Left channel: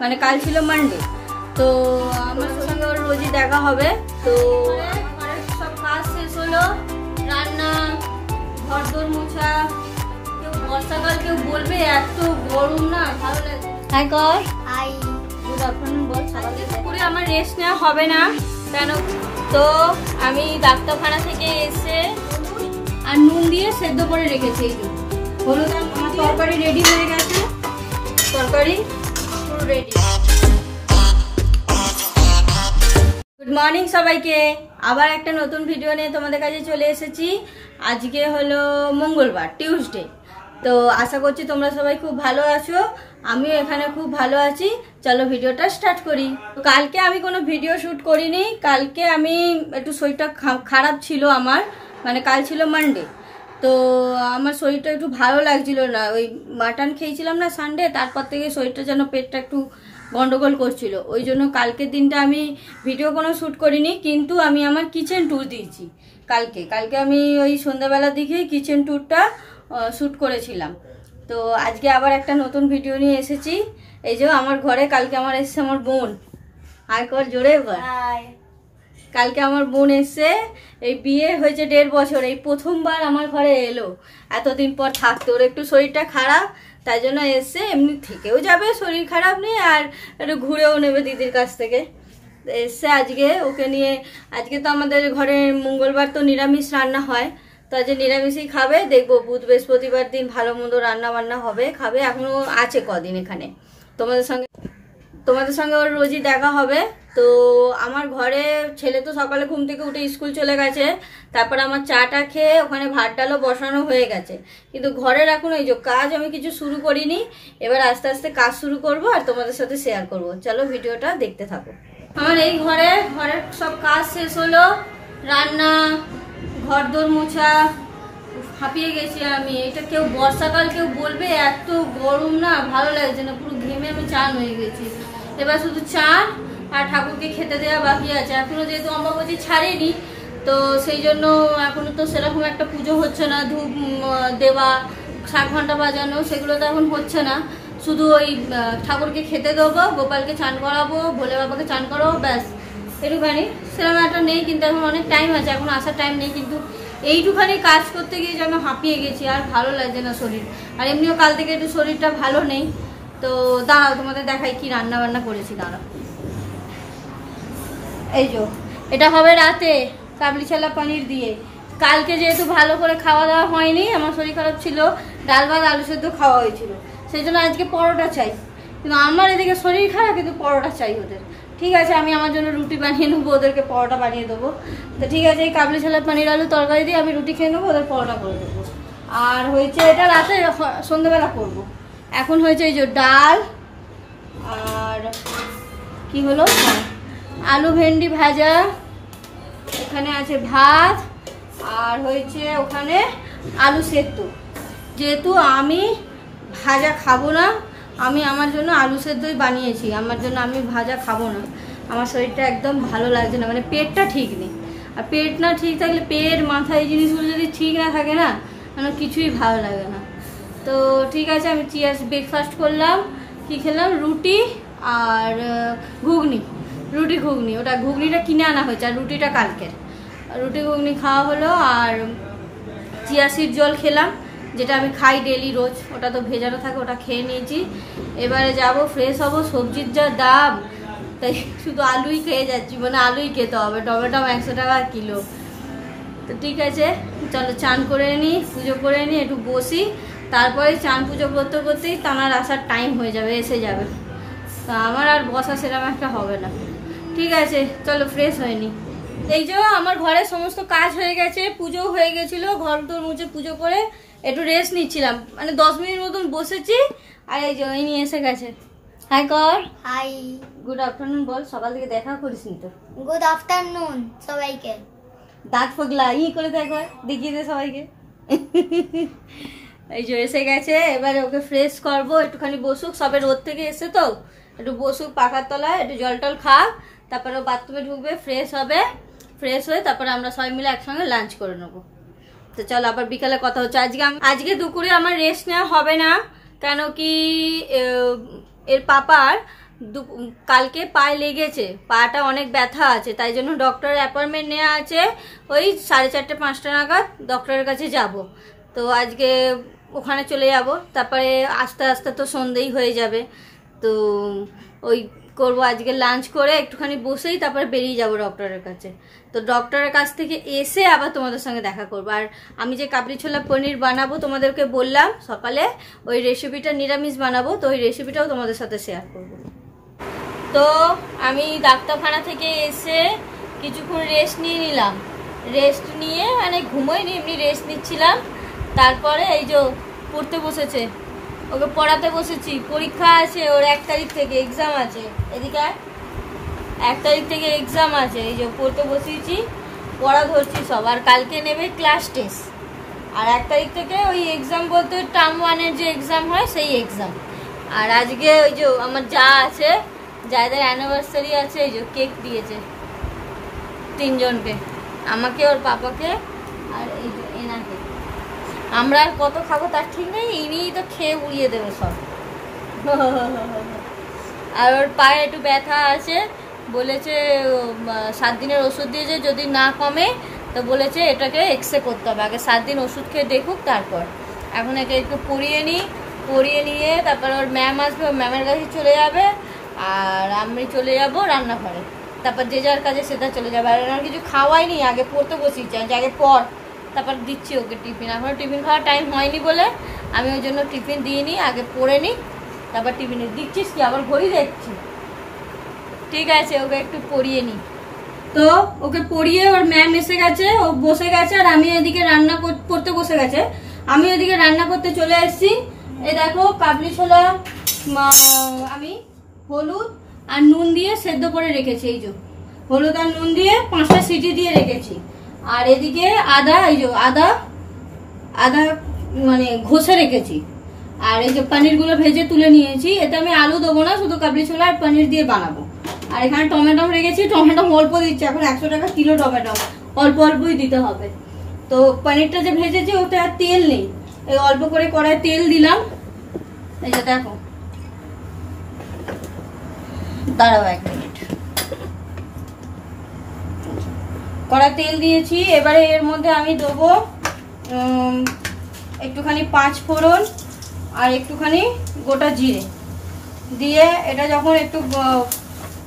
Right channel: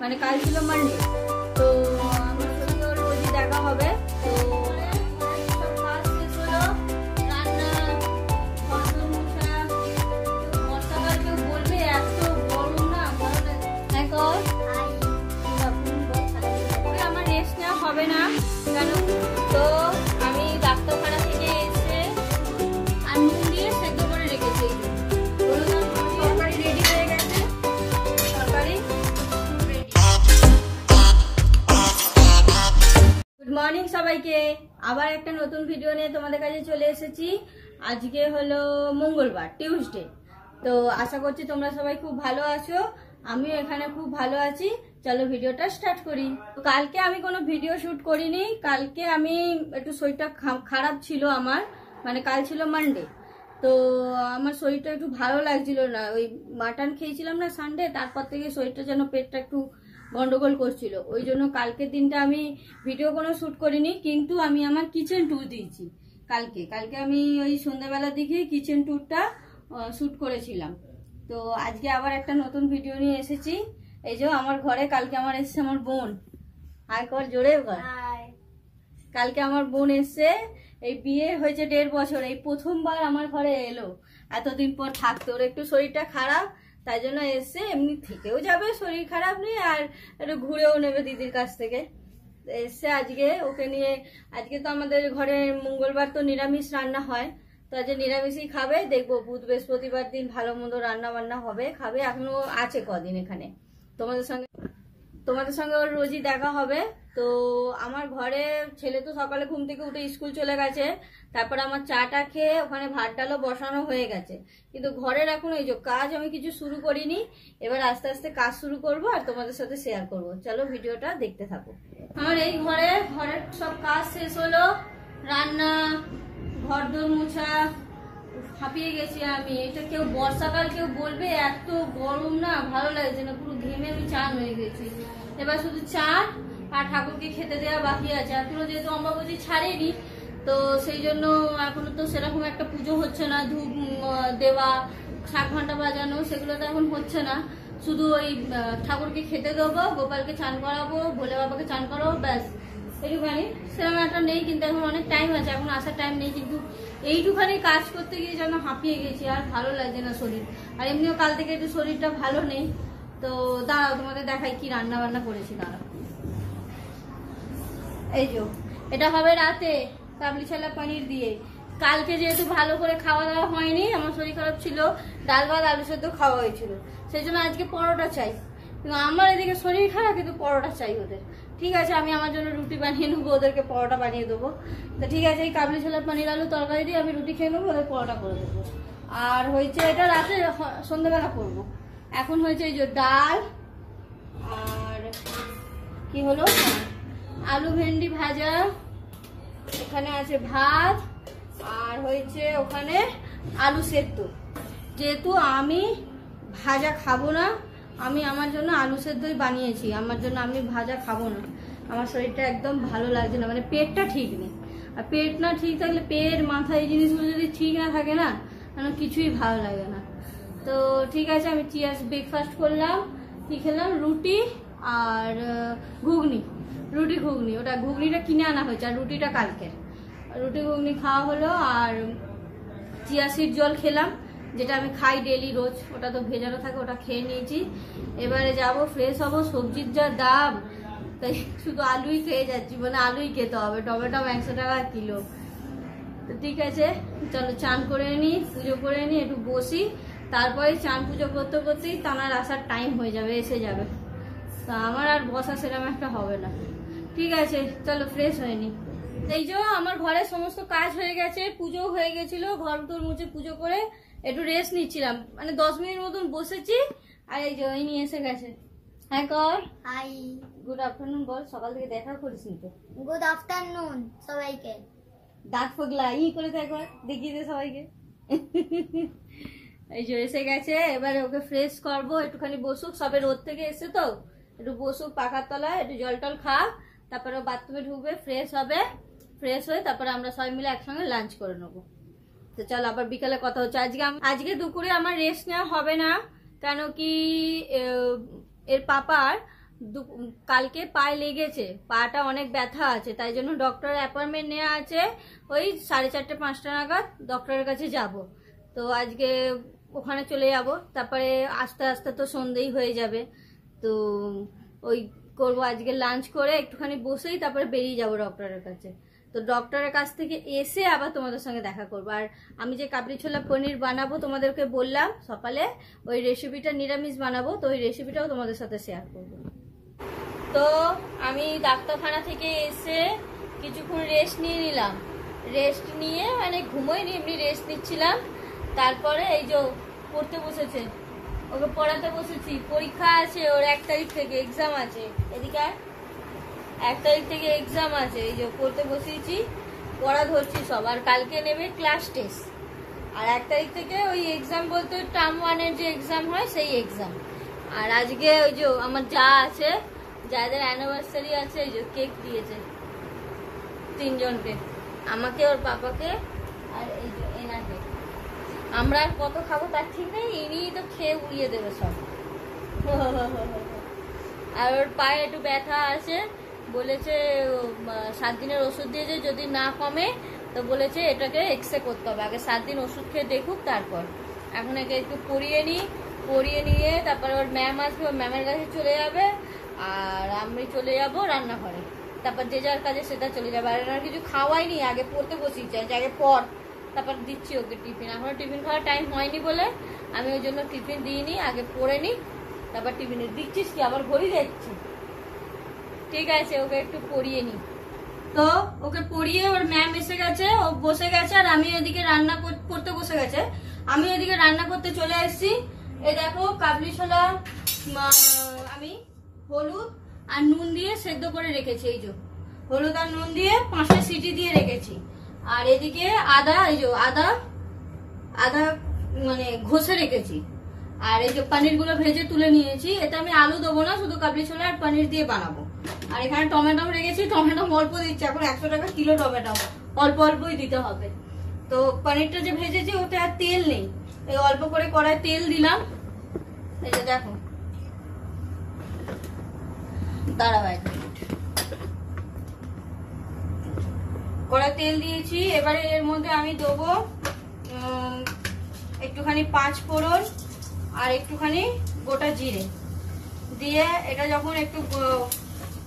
মানে কাল ছিল মানডে। তো আমার সঙ্গে ওর রোজই দেখা হবে। তো সব কাজ শেষ হলো, রান্না, ঘর দোর মোছা। কেউ বর্ষাকাল কেউ বলবে এত গরম না, ভালো লাগে। হাই কর, হাই। পুরো আমার রেস্ট নেওয়া হবে না কেন, তো আমি ডাক্তারখানা থেকে এসে আর নুন দিয়ে সেদ্ধ করে রেখেছি। হলুদ আমার তরকারি রেডি হয়ে গেছে, তরকারি পুরো রেডি। গুড মর্নিং সবাইকে, আবার একটা নতুন ভিডিও নিয়ে তোমাদের কাছে চলে এসেছি। আজকে হলো মঙ্গলবার, টিউসডে। তো আশা করছি তোমরা সবাই খুব ভালো আছো, আমিও এখানে খুব ভালো আছি। চলো ভিডিওটা স্টার্ট করি। কালকে আমি কোনো ভিডিও শ্যুট করিনি, কালকে আমি একটু শরীরটা খারাপ ছিল আমার, মানে কাল ছিল মানডে। তো আমার শরীরটা একটু ভালো লাগছিল না, ওই মাটন খেয়েছিলাম না সানডে, তারপর থেকে শরীরটা যেন পেটটা একটু গন্ডগোল করছিল। ওই জন্য কালকের দিনটা আমি ভিডিও কোনো শ্যুট করিনি, কিন্তু আমি আমার কিচেন ট্যুর দিয়েছি কালকে আমি ওই সন্ধ্যাবেলার দিকে কিচেন ট্যুরটা শ্যুট করেছিলাম। তো আজকে আবার একটা নতুন ভিডিও নিয়ে এসেছি। এই যে আমার ঘরে কালকে আমার এসছে আমার বোন, আয় কর জোরে কর। কালকে আমার বোন এসছে, এই বিয়ে হয়েছে 1.5 বছর, এই প্রথমবার আমার ঘরে এলো, এতদিন পর থাকতো। ওর একটু শরীরটা খারাপ, তাই জন্য এসছে। এমনি থেকেও যাবে, শরীর খারাপ নিয়ে, আর একটু ঘুরেও নেবে দিদির কাছ থেকে। এসছে আজকে ওকে নিয়ে। আজকে তো আমাদের ঘরে মঙ্গলবার তো নিরামিষ রান্না হয়, তো আজকে নিরামিষই খাবে। দেখবো বুধ বৃহস্পতিবার দিন ভালো মন্দ রান্না বান্না হবে, খাবে। এখনও আছে কদিন এখানে, তোমাদের সঙ্গে ওর রোজই দেখা হবে। তো আমার ঘরে ছেলে তো সকালে ঘুম থেকে উঠে স্কুল চলে গেছে, তারপর আমার চাটা খেয়ে ওখানে ভাত ডালও বসানো হয়ে গেছে, কিন্তু ঘরের এখন এই যে কাজ আমি কিছু শুরু করিনি। এবার আস্তে আস্তে কাজ শুরু করব আর তোমাদের সাথে শেয়ার করব। চলো ভিডিওটা দেখতে থাকো। আমার এই ঘরের সব কাজ শেষ হলো, রান্না, ঘর দোর মোছা। হাঁপিয়ে গেছি আমি। এটা কেউ বর্ষাকাল কেউ বলবে এত গরম না, ভালো লাগছে না, পুরো ঘেমে আমি চান হয়ে গেছি। এবার শুধু চান আর ঠাকুরকে খেতে দেওয়া বাকি আছে। এখনো যেহেতু অম্বাবতী ছাড়েনি, তো সেই জন্য এখনো তো সেরকম একটা পুজো হচ্ছে না, ধূপ দেওয়া, শাক ঘন্টা বাজানো, সেগুলো তো এখন হচ্ছে না। শুধু ওই ঠাকুরকে খেতে দেবো, গোপালকে চান করাবো, ভোলে বাবাকে চান করাবো, ব্যাস একটুখানি। সেরকম একটা নেই, কিন্তু এখন অনেক টাইম আছে, এখন আসার টাইম নেই। কিন্তু এইটুখানি কাজ করতে গিয়ে যেন হাঁপিয়ে গেছি, আর ভালো লাগছে না শরীর। আর এমনিও কাল থেকে একটু শরীরটা ভালো নেই। তো দাঁড়াও তোমাদের দেখাই কি রান্না বান্না করেছি, দাঁড়াও। এই যে এটা হবে রাতে কাবলি ছোলা পনির দিয়ে। কালকে যেহেতু ভালো করে খাওয়া দাওয়া হয়নি, আমার শরীর খারাপ ছিল, ডাল ভাত আলু সেদ্ধ খাওয়া হয়েছিল, সেই জন্য আজকে পরোটা চাই। কিন্তু আমার এদিকে শরীর খারাপ, কিন্তু পরোটা চাই ওদের। ঠিক আছে, আমি আমার জন্য রুটি বানিয়ে নেবো, ওদেরকে পরোটা বানিয়ে দেবো। তো ঠিক আছে, এই কাবলি ছোলা পনির আলু তরকারি দিয়ে আমি রুটি খেয়ে নেবো, ওদের পরোটা করে দেবো। আর হয়েছে এটা রাতে সন্ধ্যেবেলা করবো। এখন হয়েছে এই যে ডাল, আর কি হলো, আলু ভেন্ডি ভাজা, এখানে আছে ভাত, আর হয়েছে ওখানে আলু সেদ্ধ। যেহেতু আমি ভাজা খাবো না, আমি আমার জন্য আলু সেদ্ধই বানিয়েছি। আমার জন্য আমি ভাজা খাবো না, আমার শরীরটা একদম ভালো লাগছে না, মানে পেটটা ঠিক নেই। আর পেট না ঠিক থাকলে, পেট মাথা এই জিনিসগুলো যদি ঠিক না থাকে না, মানে কিছুই ভালো লাগে না। তো ঠিক আছে, আমি ব্রেকফাস্ট করলাম। কি খেলাম, রুটি আর ঘুগনি। রুটি ঘুগনি, ওটা ঘুগনিটা কিনে আনা হয়েছে, আর রুটিটা কালকের। রুটি ঘুগনি খাওয়া হলো। আর চিয়া সিড জল খেলাম, যেটা আমি খাই ডেলি রোজ, ওটা তো ভেজানো থাকে, ওটা খেয়ে নিয়েছি। এবারে যাব ফ্রেশ হব। সবজির যা দাম, তাই শুধু আলুই খেয়ে যাচ্ছি, মানে আলুই খেতে হবে। টমেটো 100 টাকা কিলো। তো ঠিক আছে, চলো চান করে নিই, পুজো করে নিই, একটু বসি। তারপরে চান পুজো করতে করতেই তানার আসার টাইম হয়ে যাবে, এসে যাবে। তো আমার আর বসা সেরকম একটা হবে না। ঠিক আছে, চলো ফ্রেশ হয়ে নিই। এই যে আমার ঘরে সমস্ত কাজ হয়ে গেছে, পুজো হয়ে গেছিলো, ঘর দোর মুছে পুজো করে একটু রেস্ট নিচ্ছিলাম, মানে 10 মিনিট মতন বসেছি। আর এই যে ওই নিয়ে এসে গেছে। হাই কর। হাই, গুড আফটারনুন বল, সকাল থেকে দেখা করিস নি তো। গুড আফটারনুন সবাইকে। দাঁত ফগলা করে একবার দেখিয়ে দে সবাইকে। এই যে এসে গেছে, এবারে ওকে ফ্রেশ করবো। একটুখানি বসুক, সবে রোদ থেকে এসে তো, একটু বসুক পাখার তলায়, একটু জল টল খাক, তারপরে বাথরুমে ঢুকবে, ফ্রেশ হবে। ফ্রেশ হয়ে তারপরে আমরা সবাই মিলে একসঙ্গে লাঞ্চ করে নেবো। তো চল আবার বিকালে কথা হচ্ছে। আজকে দুপুরে আমার রেস্ট নেওয়া হবে না, কেন কি এর পাপার কালকে পায়ে লেগেছে, পাটা অনেক ব্যথা আছে, তাই জন্য ডক্টরের অ্যাপয়েন্টমেন্ট নেওয়া আছে। ওই 4:30-5টা নাগাদ ডক্টরের কাছে যাব। তো আজকে ওখানে চলে যাব, তারপরে আস্তে আস্তে তো সন্ধ্যেই হয়ে যাবে। তো ওই করবো, আজকে লাঞ্চ করে একটুখানি বসেই তারপরে বেরিয়ে যাব ডক্টরের কাছে। তো ডক্টরের কাছ থেকে এসে আবার তোমাদের সঙ্গে দেখা করবো। আর আমি যে কাবলি ছোলা পনির বানাবো তোমাদেরকে বললাম সকালে, ওই রেসিপিটা নিরামিষ বানাবো, তো ওই রেসিপিটাও তোমাদের সাথে শেয়ার করব। তো আমি ডাক্তারখানা থেকে এসে কিছুক্ষণ রেস্ট নিয়ে নিলাম। রেস্ট নিয়ে মানে ঘুমোইনি, এমনি রেস্ট নিচ্ছিলাম। তারপরে এই যে পড়তে বসেছে, ওকে পড়াতে বসেছি। পরীক্ষা আছে ওর 1 তারিখ থেকে, এক্সাম আছে। এদিকে 1 তারিখ থেকে এক্সাম আছে। এই যে পড়তে বসিয়েছি, পড়া ধরছি সব। আর কালকে নেবে ক্লাস টেস্ট। আর 1 তারিখ থেকে ওই এক্সাম বলতে টার্ম 1-এর যে এক্সাম হয় সেই এক্সাম। আর আজকে ওই যে আমার যা আছে, যাদের অ্যানিভার্সারি আছে, এই যে কেক দিয়েছে 3 জনকে, আমাকে, ওর পাপাকে আর এই যে এনাকে। আমরা আর কত খাবো তার ঠিক নেই, ইনিই তো খেয়ে উড়িয়ে দেবে সব। আর ওর পায়ে একটু ব্যথা আছে, বলেছে 7 দিনের ওষুধ দিয়েছে, যদি না কমে তো বলেছে এটাকে এক্সরে করতে হবে। আগে 7 দিন ওষুধ খেয়ে দেখুক, তারপর। এখন একে একটু পড়িয়ে নিয়ে তারপর ওর ম্যাম আসবে, ওর ম্যামের কাছে চলে যাবে। আর আমি চলে যাব রান্নাঘরে, তারপর যে যার কাজে সেটা চলে যাবে। আর এনার কিছু খাওয়াইনি, আগে পড়তে বসিয়েছি, আগে পড়, তারপর দিচ্ছি ওকে টিফিন। এখনও টিফিন খাওয়ার টাইম হয়নি বলে আমি ওই জন্য টিফিন দিয়ে নিই, আগে পড়ে নিই, তারপর টিফিনে দিচ্ছিস কি আবার ঘড়ি দেখছি। ঠিক আছে, ওকে একটু পড়িয়ে নিই। তো ওকে পড়িয়ে ওর ম্যাম এসে গেছে, ও বসে গেছে, আর আমি এদিকে রান্না করতে বসে গেছে। আমি ওইদিকে রান্না করতে চলে এসেছি। এই দেখো কাবলি ছোলা আমি হলুদ আর নুন দিয়ে সেদ্ধ করে রেখেছি। এই যে হলুদ আর নুন দিয়ে 5টা সিটি দিয়ে রেখেছি। আর এদিকে আদা, এই যে আদা মানে ঘষে রেখেছি। আর এই যে পনিরগুলো ভেজে তুলে নিয়েছি। এটা আমি আলু দেবো না, শুধু কাবলি ছোলা আর পনির দিয়ে বানাবো। আর এখানে টমেটো রেখেছি, টমেটো অল্প দিচ্ছি, এখন 100 টাকা কিলো টমেটো, অল্প অল্পই দিতে হবে। তো পনিরটা যে ভেজেছি ওতে আর তেল নেই, এই অল্প করে কড়াই তেল দিলাম। এই যে দেখো, দাঁড়াও 1 মিনিট। কড়াই তেল দিয়েছি, এবারে এর মধ্যে আমি দেবো একটুখানি 5 ফোড়ন আর একটুখানি গোটা জিরে দিয়ে, এটা যখন একটু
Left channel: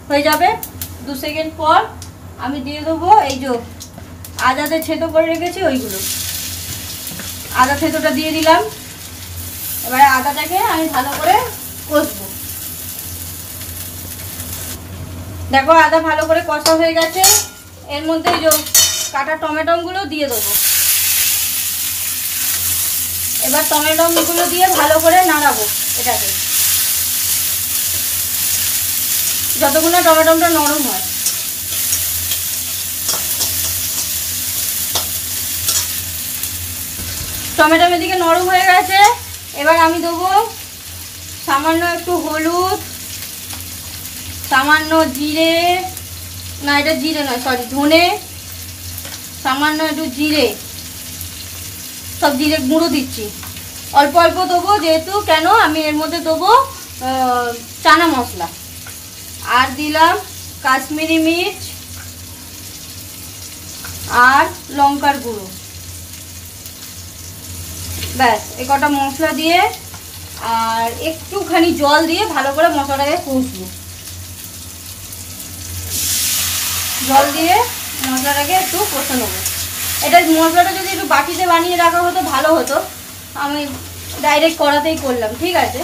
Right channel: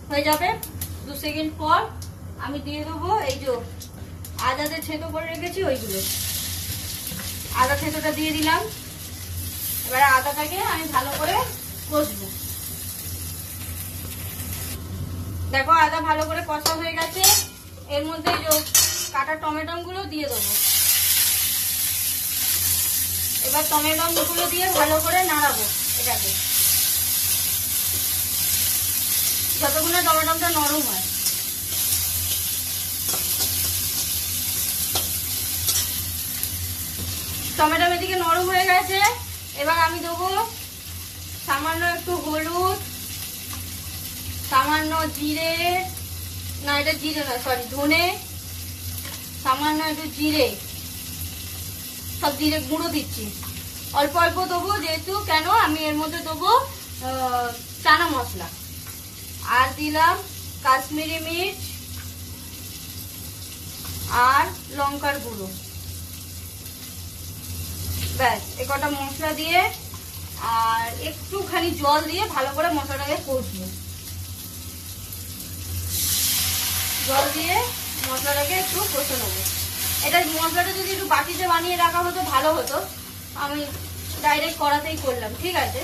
হয়ে যাবে 2 সেকেন্ড পর আমি দিয়ে দেবো এই যে আদাতে ছেঁতো করে রেখেছি ওইগুলো। আদা ছেঁতোটা দিয়ে দিলাম। এবারে আদাটাকে আমি ভালো করে কষবো। দেখো আদা ভালো করে কষা হয়ে গেছে। এর মধ্যে এই যে কাটা টমেটো গুলো দিয়ে দেবো। এবার টমেটো গুলো দিয়ে ভালো করে নাড়াবো এটাকে, যতক্ষণ না টমেটোটা নরম হয়। টমেটো এদিকে নরম হয়ে গেছে। এবার আমি দেবো সামান্য একটু হলুদ, সামান্য জিরে, না এটা জিরে নয় সরি ধনে, সামান্য একটু জিরে, সব জিরে গুঁড়ো দিচ্ছি। অল্প অল্প দেবো, যেহেতু কেন আমি এর মধ্যে দেবো চানা মশলা। আর দিলাম কাশ্মীরি মির্চ আর লঙ্কার গুঁড়ো। ব্যাস, এই কটা মশলা দিয়ে আর একটুখানি জল দিয়ে ভালো করে মশলাটাকে কষবো। জল দিয়ে মশলাটাকে একটু কষে নেবো। এটা মশলাটা যদি একটু বাটিতে বানিয়ে রাখা হতো ভালো হতো, আমি ডাইরেক্ট কড়াতেই করলাম। ঠিক আছে,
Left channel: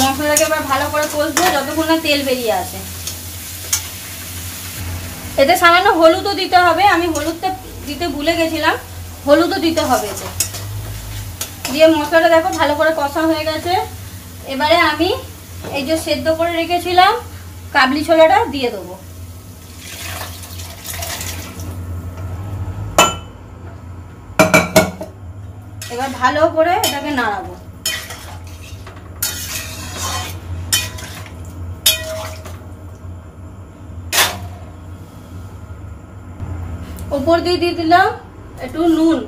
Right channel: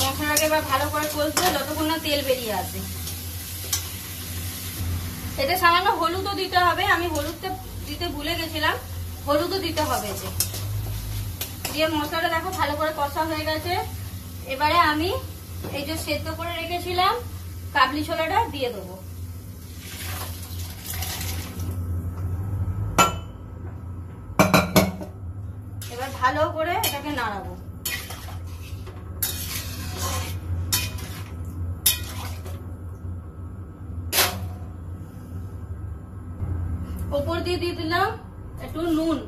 মশলাটাকে এবার ভালো করে কষবো যতক্ষণ না তেল বেরিয়ে আসে। এতে সামান্য হলুদও দিতে হবে, আমি হলুদটা দিতে ভুলে গেছিলাম, হলুদও দিতে হবে এতে। দিয়ে মশলাটা দেখো ভালো করে কষা হয়ে গেছে। এবারে আমি এই যে সেদ্ধ করে রেখেছিলাম কাবলি ছোলাটা দিয়ে দেবো। এবার ভালো করে এটাকে নাড়াবো। উপর দিয়ে দিয়ে দিলাম একটু নুন।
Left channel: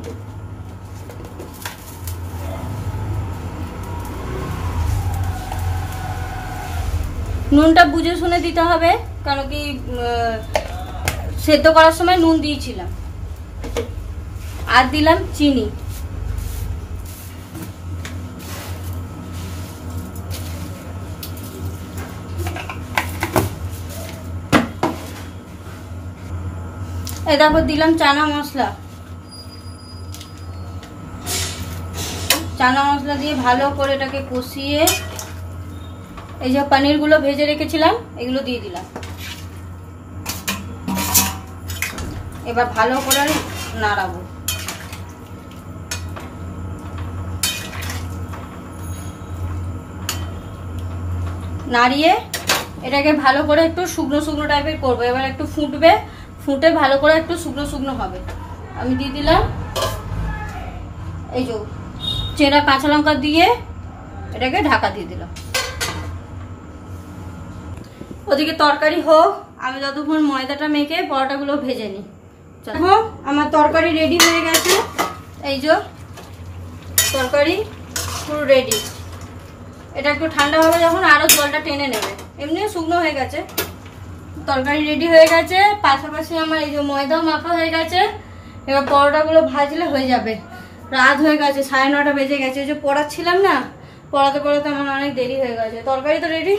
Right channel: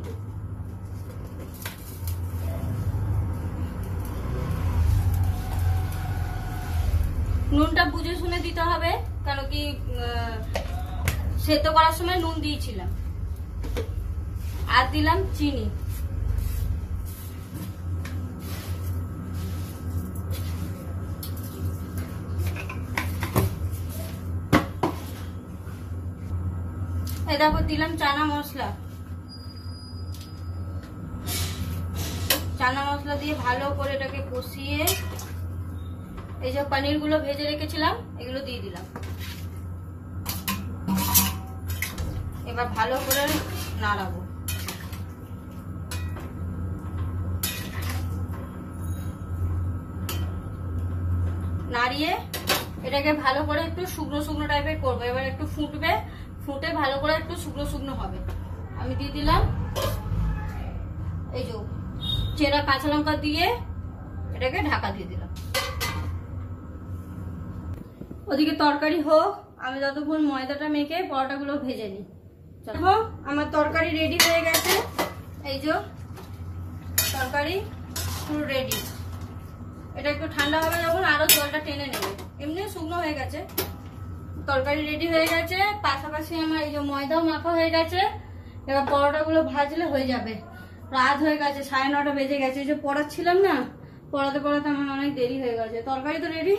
নুনটা বুঝে শুনে দিতে হবে, কারণ কি সেদ্ধ করার সময় নুন দিয়েছিলাম। আর দিলাম চিনি। এই তারপর দিলাম চানা মশলা। চানা মশলা দিয়ে ভালো করে এটাকে কষিয়ে এই যে পনিরগুলো ভেজে রেখেছিলাম এগুলো দিয়ে দিলাম। এবার ভালো করে নাড়াবো। নাড়িয়ে এটাকে ভালো করে একটু শুকনো শুকনো টাইপের করবো। এবার একটু ফুটবে, ফুটে ভালো করে একটু শুকনো শুকনো হবে। আমি দিয়ে দিলাম এই যে চেরা কাঁচা লঙ্কা দিয়ে এটাকে ঢাকা দিয়ে দিলাম। ওদিকে তরকারি হোক, আমি যতক্ষণ ময়দাটা মেখে পরোটাগুলো ভেজে নিই। চলো, আমার তরকারি রেডি হয়ে গেছে। এই যে তরকারি পুরো রেডি। এটা একটু ঠান্ডা হবে যখন আরো জলটা টেনে নেবে, এমনিও শুকনো হয়ে গেছে। তরকারি রেডি হয়ে গেছে, পাশাপাশি আমার এই যে ময়দাও মাখা হয়ে গেছে। এবার পরোটাগুলো ভাজলে হয়ে যাবে। রাত হয়ে গেছে, 9:30 বেজে গেছে। এই যে পড়াচ্ছিলাম না, পড়াতে পড়াতে আমার অনেক দেরি হয়ে গেছে। তরকারি তো রেডি,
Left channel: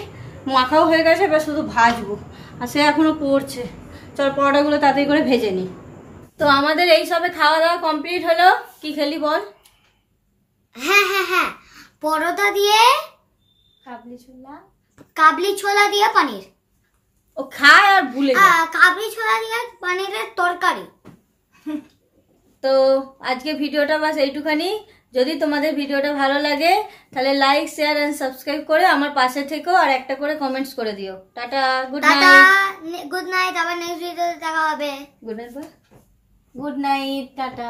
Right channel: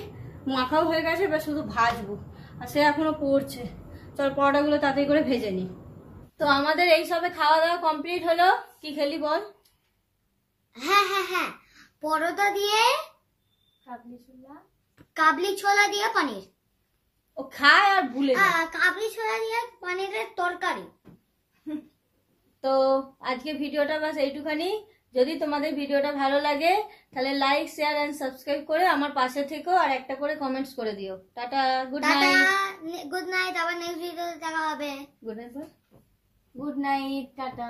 মাখাও হয়ে গেছে, এবার শুধু ভাজবো। আর সে এখনো পড়ছে। চল পরোটাগুলো তাড়াতাড়ি করে ভেজে নিই। তো আমাদের এই সবে খাওয়া দাওয়া কমপ্লিট হলো। কি খেলি বল? হ্যাঁ, পরোটা দিয়ে কাবলি ছোলা দিয়ে পনির। ও খায় আর ভুলে যায়। কাবলি ছোলা দিয়ে পনিরের তরকারি। তো আজকে ভিডিওটা বাস এইটুখানি। যদি তোমাদের ভিডিওটা ভালো লাগে তাহলে লাইক, শেয়ার এন্ড সাবস্ক্রাইব করে আমার পাশে থেকো, আর একটা করে কমেন্টস করে দিও। Tata, good night. Good night, আবার নেক্সট ভিডিওতে দেখা হবে। Good night, tata.